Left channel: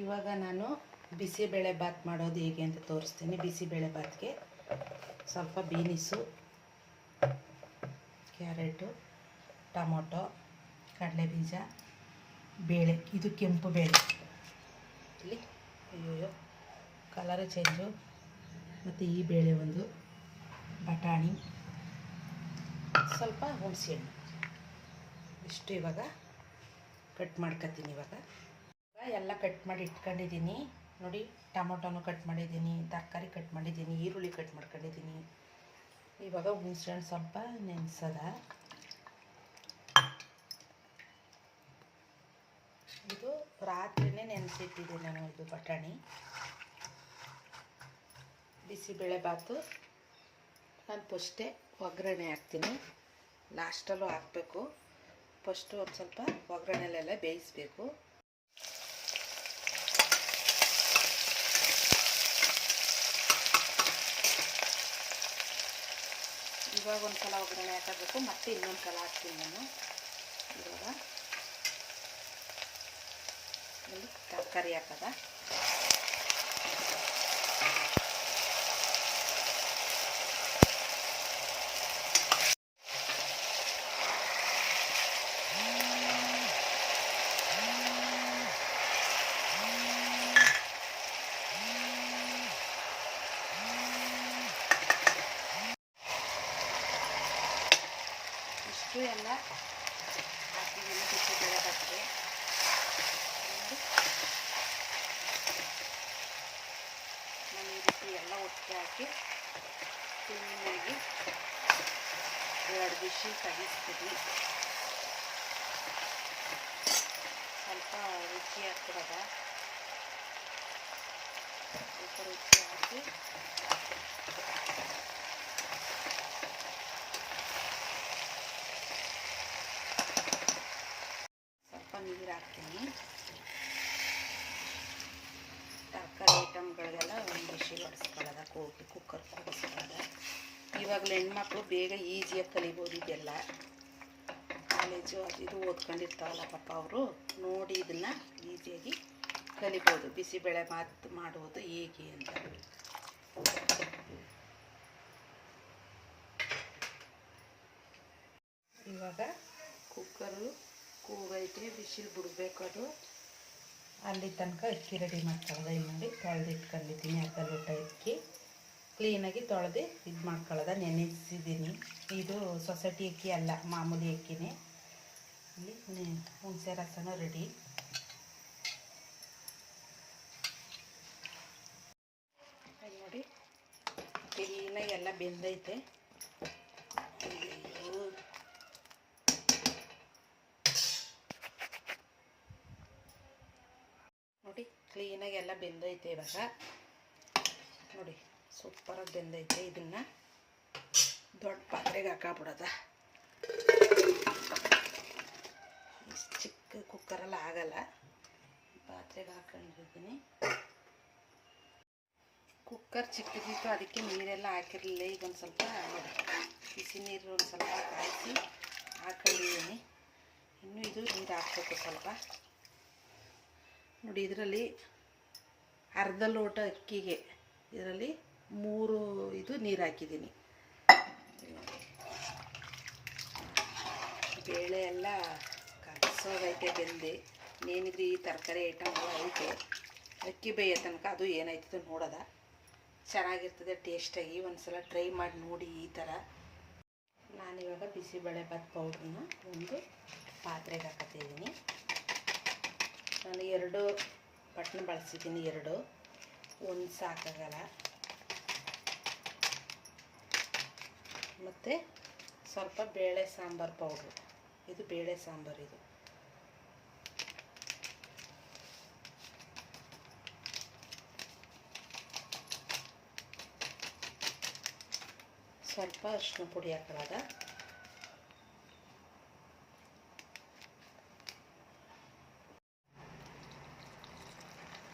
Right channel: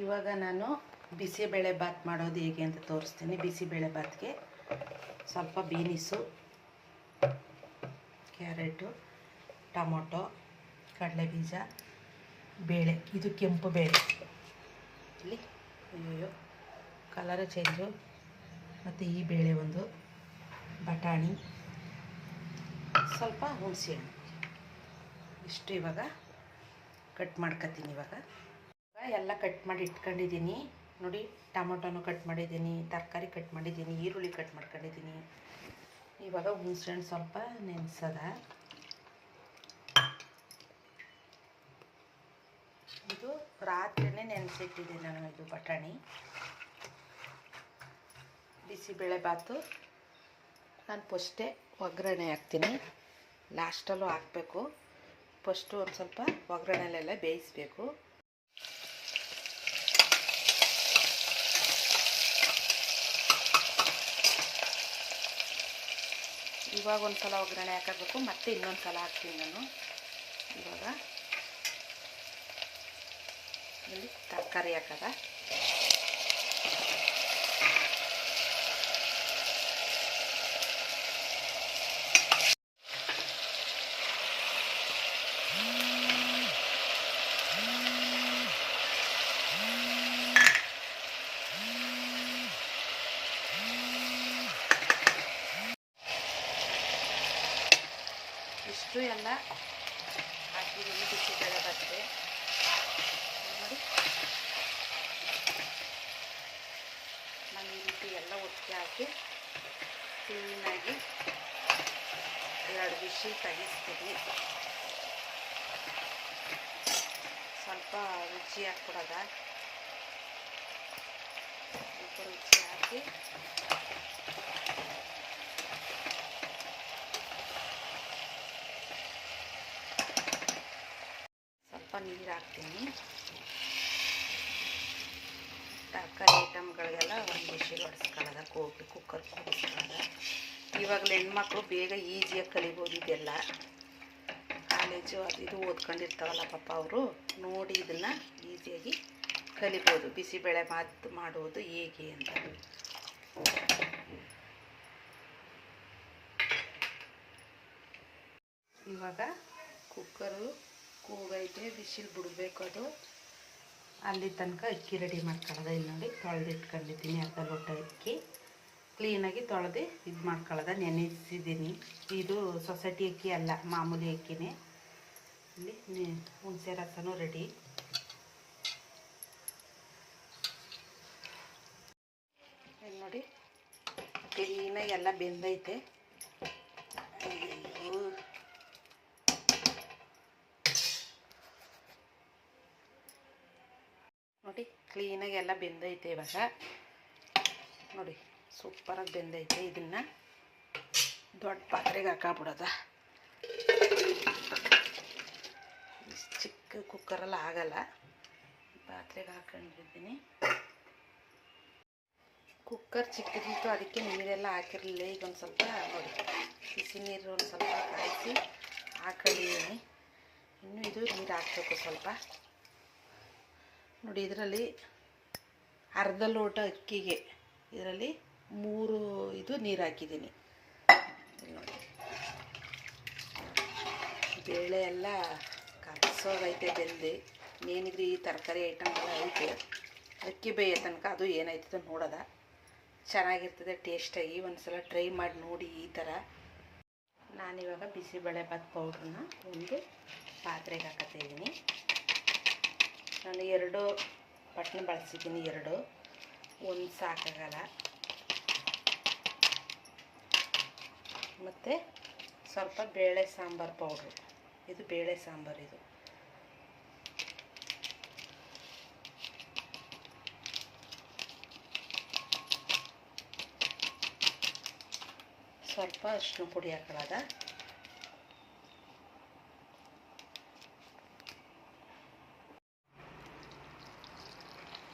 ಇವಾಗ ನಾನು ಬಿಸಿಬೇಳೆ ಬಾತ್ ಮಾಡೋದು ಹೇಗೆ ಅಂತ ತೋರಿಸ್ತೀನಿ. ಬಿಸಿಬೇಳೆ ಬಾತ್ಗೆ ಸ್ವಲ್ಪ ಬೀನಿಸು, ಕ್ಯಾರೆಟು, ಟೊಮೊಟೊ, ಕಡಲೆಬೀಜ, ಬೇಳೆ, ಇದು ಕೆಂಪು ಬೇಳೆ, ಇಲ್ಲಿ ಅಯ್ಯೋ ಕಲರ್ ಚೇಂಜು, ಮತ್ತು ಈ ಬೇಳೆ ಒಂದು, ಬಟಾಣಿ, ಸ್ವಲ್ಪ ಹುಣಸೆಹಣ್ಣು, ಇಷ್ಟು ಇವಾಗ ಕಟ್ ಮಾಡ್ಕೊತೀನಿ. ಇವಾಗ ಎಲ್ಲ ಕಟ್ ಮಾಡಿ ಇಟ್ಕೊಂಡಿದ್ದೀನಿ ನೋಡಿ. ಟೊಮೊಟೊನು ಕಟ್ ಮಾಡಿದ್ದೀನಿ, ತರಕಾರಿ ಕಟ್ ಮಾಡಿದ್ದೀನಿ, ಈರುಳ್ಳಿ ಕಟ್ ಮಾಡ್ಕೊಂಡಿದ್ದೀನಿ. ಇವಾಗ ಹುಣಸೆಹಣ್ಣು ಸ್ವಲ್ಪ ನೆನೆಸದ, ಇದು ರಾತ್ರಿನೇ ನೆನೆಸಿಟ್ಟಿದ್ದೀನಿ ನಾನು. ಇದು ಬಟಾಣಿ ಬಿಸಿಬೇಳೆ ಬಾತು ನಾನು ಫಸ್ಟೇ ಒಗ್ಗರಣೆ ಹಾಕ್ತೀನಿ, ಲಾಸ್ಟಲ್ಲೂ ಹಾಕಬೇಕು. ಫಸ್ಟು ಒಂದು ಸ್ವಲ್ಪ ಒಗ್ಗರಣೆಲೆಲ್ಲ ಬೇಯಿಸಬೇಕು. ಇವಾಗ ಒಂದು ಸಲ ಒಗ್ಗರಣೆ ಹಾಕಬೇಕು, ಮತ್ತೆ ಇನ್ನೊಂದು ಸಲ ಹಾಕ್ತೀನಿ ನಾನು. ಇವಾಗ ಇಲ್ಲಿ ತರಕಾರಿ ಹಾಕದ, ಇಷ್ಟು ಎಲ್ಲ ಹಾಕಿದ್ದೀನಿ ಬಿಸಿಬೇಳೆ ಬಾತ್ಗೆ. ನೋಡಿ ನಾನು ಈ ರೀತಿ ಎಲ್ಲ ಒಟ್ಟಿಗೆ ಹಾಕಿ ಕ್ಲೀನಾಗಿ 2 ವಿಷಲ್ ತೆಗಿಸ್ತೀನಿ. ಸ್ವಲ್ಪ ರುಚಿ ಹಾಕ್ಬಿಡೋದ, ಸ್ವಲ್ಪ ರುಚಿ ಹಾಕಿ ನೀರು ಹಾಕ್ತೀನಿ. ತರಕಾರಿ ಐಟಮ್ಗಳಿಗೆಲ್ಲ ಒಂದು ವಿಷಲ್ ಹೊಡೆಸ್ಕೊಳ್ಳೋದ, ಕುಕ್ಕರ್ ಕೂಡಿಸ್ಕೊಳ್ಳೋದ. ಇವಾಗಲೇ ಹೆಣ್ಮಕ್ಳು ಬೇಗ ಈಸಿಯಾಗಿ ಕಲಿಬೋದು. ಇದೆಲ್ಲ ಕಾಲೇಜು ಅದು ಇದು ಓದ್ಕೊಂಡಿರ್ತಾವಲ್ಲ ಪಾಪ, ಅವರು ನೋಡಿ ಇದನ್ನು ಈಸಿಯಾಗಿ ಕಲಿಬೋದು. ಬಿಸಿಬೇಳೆ ಬಾತ್ ಮಾಡುವುದು ಹೇಗೆ ಅಂತ. ಇವಾಗ ಕುಕ್ಕರು ಕೂಗೈತೆ, ಬಿಸಿಲು ಬಿಡಬೇಕು. ಅದು ಅಲ್ಲಿ ತನಕ ಅಕ್ಕಿ ರೆಡಿ ಮಾಡ್ಕೊಳ್ಳೋದ. ಇಲ್ಲಿ ನೋಡಿ ತೊಳೆದು ಇಟ್ಕೊಂಡಿದ್ದೀನಿ, ಅರ್ಧ ಲೋಟ ಅಕ್ಕಿ ಕ್ಲೀನಾಗಿ ತೊಳೆದು ಇದು ಮಾಡ್ಕೊಳ್ಳೋದ, ನೆನೆಸಿದ್ದೀನಿ. ಇದು ಸೊಸೈಟಿ ಅಕ್ಕಿ ಅಲ್ಲ, ಮಾಮೂಲಿ ಅಕ್ಕಿನೇ. ಇಲ್ಲಿ ಹುಣಸೆ ರಸನೂ ರೆಡಿ. ನೋಡಿ ಕ್ಲೀನಾಗಿ ಎಲ್ಲ ಬೆಂದೈತೆ. ನೋಡಿ ಕ್ಲೀನಾಗಿ ಎಲ್ಲ ಬೆಂದೈತೆ. ಇವಾಗ ನೋಡಿ ಸೂಪರಾಗಿ ಬೆಂದೈತೆ. ಇದನ್ನು ದೊಡ್ಡ ಪಾತ್ರೆಗೆ ಹಾಕಾಬಿಡೋದ. ಇಷ್ಟು ಚಿಕ್ಕ ಕುಕ್ಕರೆಲ್ಲ ಆಗಲ್ಲ, ಪಾತ್ರೆಗೆ ಹಾಕೊಂಡಿದ್ದೀನಿ. ಕುಕ್ಕರ್ ಚಿಕ್ಕದಿತ್ತು, ಅದಕ್ಕೆ ನೀರೆಲ್ಲ ಹಾಕಿರಲಿಲ್ಲ. ಈಗ ಒಂದು ಸ್ವಲ್ಪ ನೋಡಿ ಬಿಸಿ ನೀರು ಒಂದು ಸ್ವಲ್ಪ ಕಾಯಿಸಿ ಹಾಕೊಂಡಿದ್ದೀನಿ. ಇನ್ನೂ ಇದು ನೀರು ಹಾಕಬೇಕು ಸ್ವಲ್ಪ. ನೋಡಿ ಇದರಲ್ಲಿ ಅರ್ಧ ಲೋಟ ಅಕ್ಕಿಗೆ ಇದರಲ್ಲಿ 3 ಇದು ನೀರು ಹಾಕಿದ್ದೀನಿ. ನೋಡಿ ಬೇಳೆ ಎಲ್ಲ ಕಲಸೋದೈತೆ ಬೆಂದು. ಇನ್ನೇನಿದ್ರೆ ಈ ತರಕಾರಿ ಐಟಮ್ಗಳು ಐತೆ, ಅಕ್ಕಿ ಬೇಯೋ ತನಕ ಅದು ಏನಾಯ್ತದೆ ನೋಡೋದ. ಚೆನ್ನಾಗಿರ್ತದೆ ಟೇಸ್ಟಾಗಿ. ಒಂದು ಸಲ ಟ್ರೈ ಮಾಡಿ ನೋಡಿ ಈ ಥರ. ನಾನಿವಾಗ ಬಿಸಿಬೇಳೆ ಬಾತ್ ಪೌಡ್ರನ್ನ ಒಂದು ಪಾತ್ರೆಗೆ ಹಾಕತ್ತಿದ್ದೀನಿ. ನಾನು 2 ಬಟ್ಲು ಬಳಸಿದ್ದೀನಿ, 2 ಒಂದು ಸಾಕಾಗಲ್ಲ. ಮತ್ತು ಸ್ವಲ್ಪ ಬೇಳೆ ಸಾಂಬಾರು ಪೌಡ್ರು, ಇದು ಬೇಳೆ ಸಾಂಬಾರು. ಇದು ಸ್ವಲ್ಪ ಅರಿಶಿನ ಪುಡಿ ಹಾಕೊಳ್ಳೋದ.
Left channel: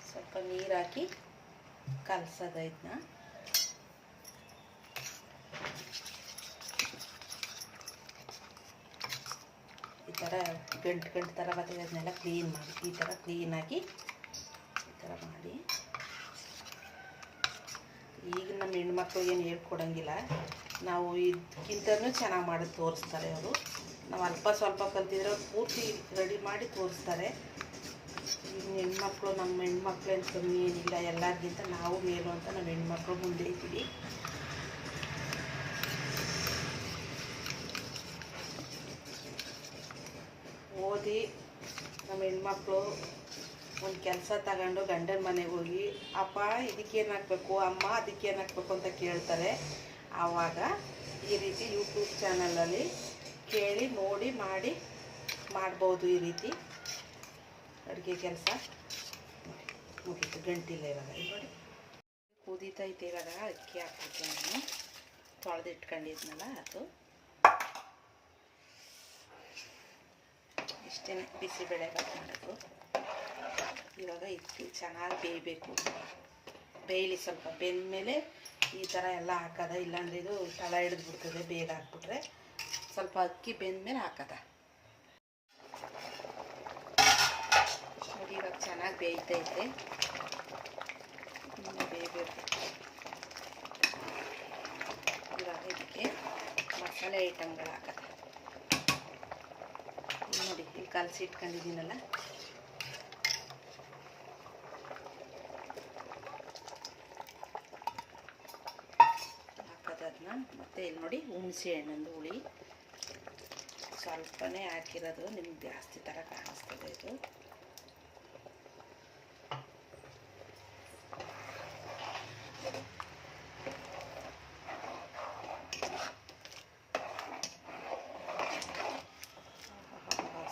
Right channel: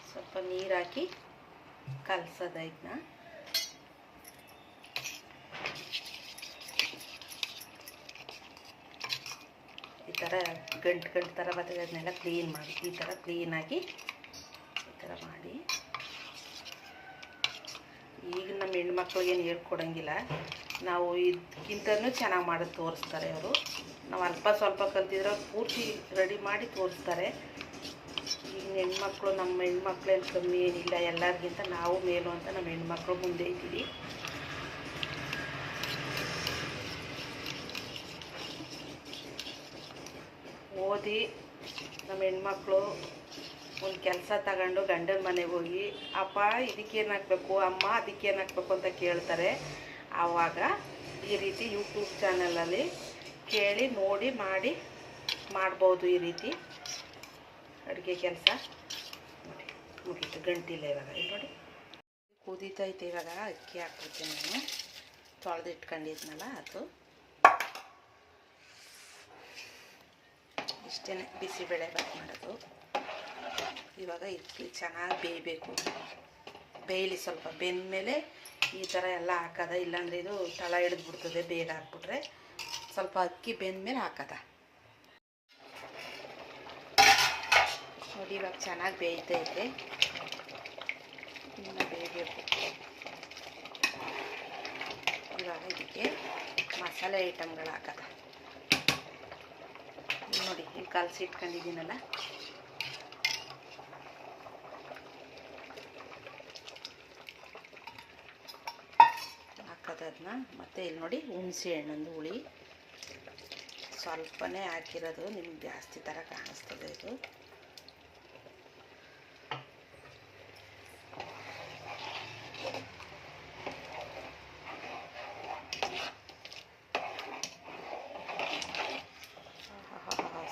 ಸ್ವಲ್ಪ ನೀರು ಹಾಕಿ ಕಲಸೋದ. ಇದನ್ನ ಈ ಥರ ಗಂಟು ಥರ ಬರ್ತದೆ, ಅದನ್ನೆಲ್ಲ ಕ್ಲೀನ್ ಮಾಡಿ ಈ ಥರ ಕ್ಲೀನಾಗಿ ಈ ಥರ ಮಾಡಿ. ಈಗ ನಮ್ಮ ಹೆಣ್ಮಕ್ಳಿಗೇನು ಹೇಳ್ಕೊಡಂಗಿಲ್ಲ, ನಾವು ಇದಕ್ಕಿಂತನೂ ಚೆನ್ನಾಗಿ ಮಾಡೋದು ತೋರಿಸ್ತಾರೆ ಅವರು. ನಾವು ಅಲ್ಪ ಸ್ವಲ್ಪ ಕಲ್ತಿದ್ರೆ ಅವ್ರು ಪೂರ್ತಿ ರೆಡಿ ಮಾಡಿ ತೋರಿಸ್ತಾರೆ. ಈಗ ಹೆಣ್ಮಕ್ಳು, ನಮ್ಮ ಹೆಣ್ಮಕ್ಳೇನು ಕಮ್ಮಿ ಏನಿಲ್ಲ, ಎಲ್ಲರಿಗಿಂತ ನಾವು ಮೇಲು ಅಂತ ನಮ್ಮ ಹೆಣ್ಮಕ್ಳು ಮುಂದೆ ಇದ್ದೀವಿ. ಓದಿ ನಮ್ಮ ಹೆಣ್ಮಕ್ಳು ಒಂದು ಕೆಲಸ ತಗೊಂಡು ಗಂಡನ ಮನೆಗೆ ಹೋಗಿ ಅಪ್ಪ ಇದಕ್ಕೇನು ಹಾಕಬೇಕು, ಅಮ್ಮ ಅದಕ್ಕೇನು ಹಾಕಬೇಕು ಅಂತ ಕೇಳ್ತಾರೆ. ಆವಾಗ ಈ ರೀತಿ ಯೂಟ್ಯೂಬ್ ಚಾನಲಲ್ಲಿ ಕೇಳಿ ನೋಡಿ ಮಾಡ್ಬೋದು. ಈ ರೀತಿ ಅಡುಗೆ ಕೆಲಸ ನೋಡಿ ಮುಗೀತು. ಗಂಟಿಲ್ಲ ಇವಾಗ. ಇಲ್ಲಿ ನೋಡಿ ಕುದೀತೈತೆ. ಇವಾಗ ಅಕ್ಕಿ ಹಾಕ್ಬಿಡ್ತೀನಿ ನಾನು. ತೊಳೆದು ಇಟ್ಕೊಂಡಿದ್ನಲ್ಲ ಅದು. ಇಷ್ಟೇ ಬಿಸಿಬೇಳೆ ಬಾತ್ ಮಾಡೋದು. ಇವಾಗ ಇದಕ್ಕೆ ಚೆನ್ನಾಗಿ ಬೇಯಬೇಕು. ಬೇಯಲಿ ಸ್ವಲ್ಪ. ಬೆಂದಮೇಲೆ ಈ ಥರ ಎಲ್ಲ ಹಾಕೋದ, ಇಲ್ಲಾಂದರೆ ಇದು ತಳ ಹಿಡಿದ್ಬಿಡ್ತದೆ. ಬೇಗ ಹಾಕ್ಬಿಟ್ರೆ ಸ್ವಲ್ಪ ಅಕ್ಕಿ ಬೆಂದಮೇಲೆ ಹಾಕೋದ. ನೋಡಿ ಇವಾಗ ಚೆನ್ನಾಗಿ ಬೇಯ್ತೈತೆ. ಇನ್ನು ಬೇಯಬೇಕು. ಇವಾಗ ಇದಕ್ಕೆ ಮಸಾಲೆ ಐಟಮ್ಗಳು ಹಾಕೋದ. ನೋಡಿ ಇಲ್ಲಿ ಕಲಸಿ ಇಟ್ಕೊಂಡಿದ್ದೀನಲ್ಲ, ಹಾಕೋದನ್ನ. ಮತ್ತು ಇಲ್ಲಿ ನೋಡಿ ಹುಣಸೆ ಹಣ್ಣೊಂದು ಹುಳಿ ಸ್ವಲ್ಪನೇ ಹಾಕಿರೋದು, ನಿಮ್ಗೆ ಜಾಸ್ತಿ ಥರ ಕಾಣಿಸ್ತದೆ ಇದು.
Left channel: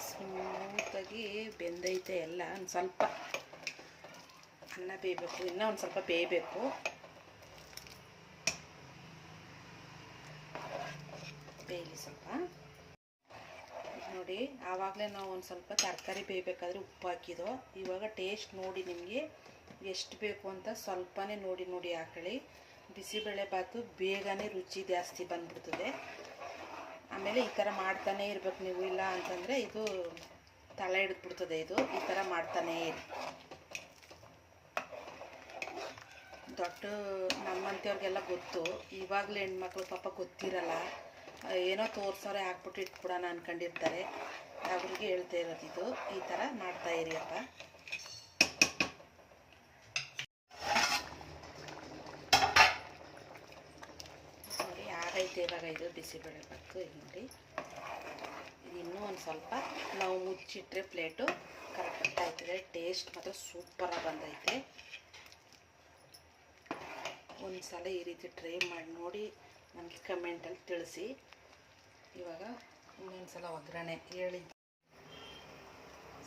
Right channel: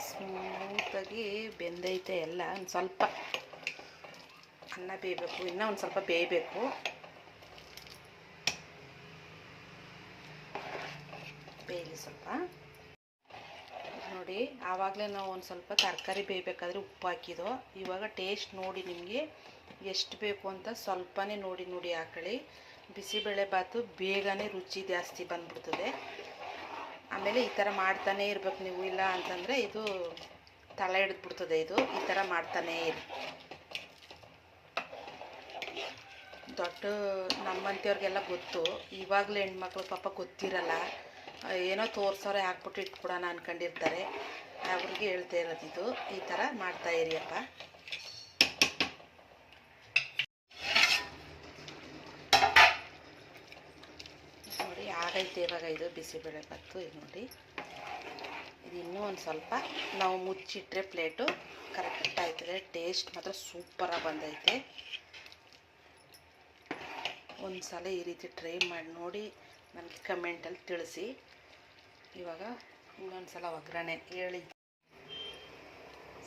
ಸ್ಮೂತಾಗಿ ಬೆಂದೈತೆ ಎಲ್ಲ. ಒಂದು ಸ್ವಲ್ಪ ಅನ್ನ ಬೇಯಬೇಕು, ಇನ್ನೂ ಒಂದು ಸ್ವಲ್ಪ ಬೇಯಬೇಕು. ಬೇಯಲಿ ಸ್ವಲ್ಪ. ನೋಡಿ ಆವಾಗಲೇ ನಾವು ಒಂದು ಸ್ವಲ್ಪ ತರಕಾರಿ ಬೇಯಬೇಕಾದ್ರೆ ಉಪ್ಪು ಹಾಕಿದೋ. ಇವಾಗ ಟೇಸ್ಟ್ ನೋಡಿ ನಿಮಗೆ ಎಷ್ಟು ಬೇಕು ಅಂತ ಸ್ವಲ್ಪನೇ ನೋಡಿ ಹಾಕೊಳ್ಳಿ. ಬಿಸಿಬೇಳೆ ಬಾತು ಬೇಗನೆ ರುಚಿ ಜಾಸ್ತಿ ಬಂದ್ಬಿಡ್ತದೆ. ಆಮೇಲೆ ಈ ಥರ ಮಾಡ್ತಾನೇ ಇರ್ಬೇಕು ನೀವು, ಇಲ್ಲ ಅಂತಂದರೆ ಇದು ತಳ ಹಿಡಿದ್ಬಿಡ್ತದೆ. ಇದು ಈ ಥರ ಮಾಡ್ತಾನೇ ಇರಿ. ದೊಡ್ಡ ನಮ್ಮಂಥವ್ರಿಗೆಲ್ಲ ಗೊತ್ತು. ಇವಾಗಲೇ ಹೆಣ್ಮಕ್ಳು ಪಾಪ ಗೊತ್ತಿರಲ್ಲ, ಏನೋ ತೋರ್ಸೋರೆ ಹಾಕ್ಬಿಟ್ಟು ಇಟ್ಬಿಡೋಣ ಅಂದ್ಕೊಂಡಿರ್ತಾರೆ. ಅವ್ರಿಗೆ ಹೇಳ್ತಾ ಇರೋದು ಇದು. ಈ ಥರ ಮಾಡ್ತಾಯಿರಿ ಅಪ್ಪ. ನೋಡಿ ಆಗೈತೆ ಇವಾಗ ಇದು ಬಿಸಿಬೇಳೆ ಬಾತು. ಇದು ನೋಡಿ ಇದು ಇನ್ನೂ ಒಂದು ಸ್ವಲ್ಪ ನಾವು ಮುಚ್ಚಿಟ್ರೆ ಪ್ಲೇಟು ಕರೆಕ್ಟ್ ಆಯ್ತದೆ. ಟೇಸ್ಟ್ ಮಾತ್ರ ಸೂಪರಾಗಿ ಬಂದೈತೆ. ಒಂದು ಸಲ ಈ ರೀತಿ ಟ್ರೈ ಮಾಡಿ ನೋಡಿ ನನಗೆ ಕಮೆಂಟಲ್ಲಿ ತಿಳಿಸಿ. ಇವಾಗ ಇನ್ನೊಂದು ಸಲ ಒಗ್ಗರಣೆ ಹೇಳಿ.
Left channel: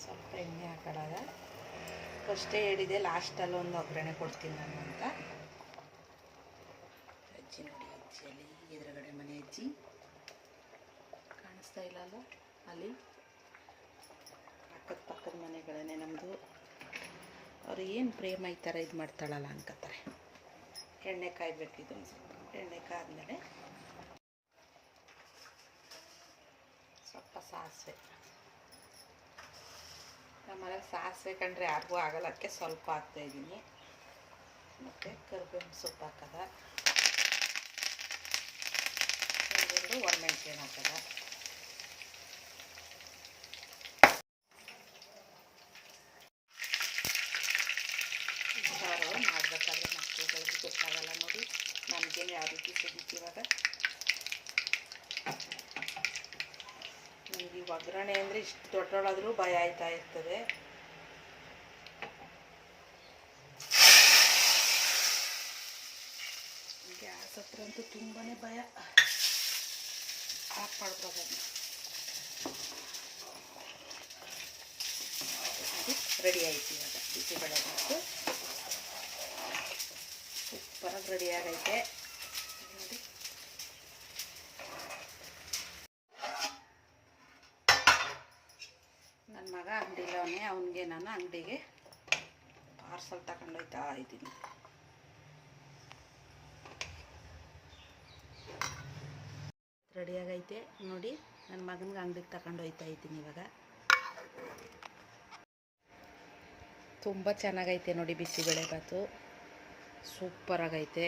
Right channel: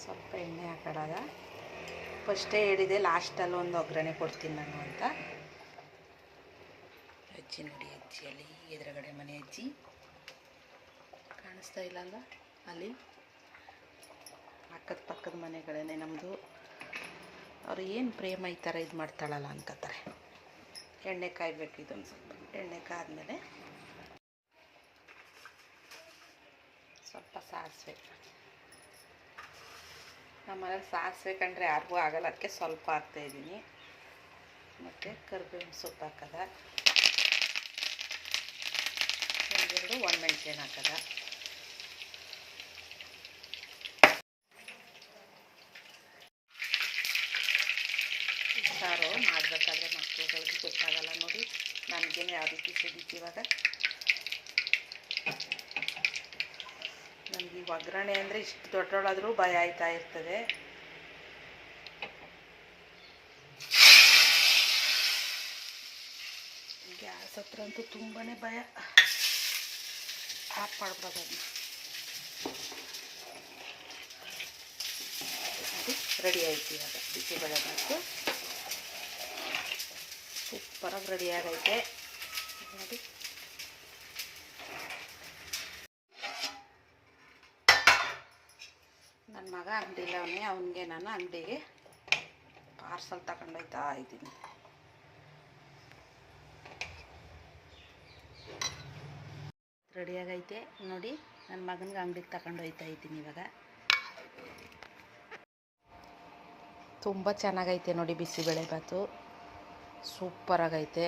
ಸ್ವಲ್ಪ ಎಣ್ಣೆ ಹಾಕೊಳ್ಳೋದ. ಫಸ್ಟೇ ಹೇಳಿದೆ ಲಾಸ್ಟಲ್ಲಿ ಒಂದು ಒಗ್ಗರಣೆ ಕೊಡ್ತೀನಿ ನಾನು ಅಂತ. ಅಜ್ಜಿ ನೋಡಿ, ಅಜ್ಜಿಯಲ್ಲಿ ಎದುರುಗಡೆ ಮನೆ ಅಜ್ಜಿ ಕಾಣಿಸ್ತಾ ಇಲ್ಲ ಅಲ್ವಾ? ಅಲ್ಲಿ ಪಕ್ಕದ ಮನೆಗಳೇ ನಮ್ಮದು. ಅವ್ರು ಏನು ಪ್ರೇಮ ಈ ಥರ ಇದು ಮಾಡ್ತಾಳಲ್ಲ ಅನ್ಕೋತಾರೆ. ಎಣ್ಣೆ ಕಾಯ್ಬೇಕು. ಇದೊಂದು ಸ್ವಲ್ಪ ಎಣ್ಣೆ ಕಾದ್ಮೇಲೆ ಸ್ವಲ್ಪ ಸಾಸಿವೆ. ನಮ್ಮ ಮನೇಲಿ ಸಾಸಿವೆ ಕಂಡ್ರೆ ಯಾರಿಗೂ ಆಗಲ್ಲ, ಅದಕ್ಕೆ ಸ್ವಲ್ಪ ಹಾಕ್ತಾಯಿದ್ದೀನಿ. ಮತ್ತು ಕರಿಬೇವಿನ ಸೊಪ್ಪು ಹಾಕದ, ಒಂದೆರಡು ಒಣಮೆಣಸಿನ ಹಾಕದ. ಸಾರು ಮಾಡಬೇಕಾದ್ರೆ ಮಕ್ಕಳುಗಳಿಗೆ ಗೊತ್ತಾಗಲ್ಲ ನೋಡಿ. ನನಗೇನು ಯಾವ ರೀತಿ ಸಿಗುತ್ತೆ ಇವಾಗ. ನನಗೆ ಈ ಒಗ್ಗರಣೆ ಅಂದರೆ ಇಷ್ಟು ದೊಡ್ಡವಳಾದರೂ ಭಯ ಆಯ್ತಾ ಇರ್ತದೆ. ಗ್ಯಾಸ್ ಹತ್ರ ಅಂತೂ ತುಂಬಾ ಭಯ. ಆಫ್ ಮಾಡ್ಬೋದು ಅದನ್ನ. ರೆಡಿ ಆಯ್ತು ಇವಾಗ ಬಿಸಿಬೇಳೆ ಬಾತು. ಸೂಪರಾಗಿ ರೆಡಿ ಆಗೈತೆ ನೋಡಿ. ನನ್ನ ಮಗ ಅಂಗಡಿಲವನೇ, ಅವನಿಗೆ ನಾನು ಅಂಗಡಿಗೆ ಪಾರ್ಸಲ್ ತಗೊಂಡೋಯ್ತಾ ಇದ್ದೀನಿ. ರೆಡಿಯಾಗೈತೆ ನೋಡಿ. ನನ್ನ ಮಗನಿಗೆ ಅಂಗಡಿಗೆ ತಗೊಂಡೋಯ್ತಾ ಇದ್ದೀನಿ ಇವಾಗ. ತುಂಬ ಚೆನ್ನಾಗೈತೆ ನೋಡಿ ಬಿಸಿಬೇಳೆ ಬಾತು, ಸೂಪರಾಗೈತೆ.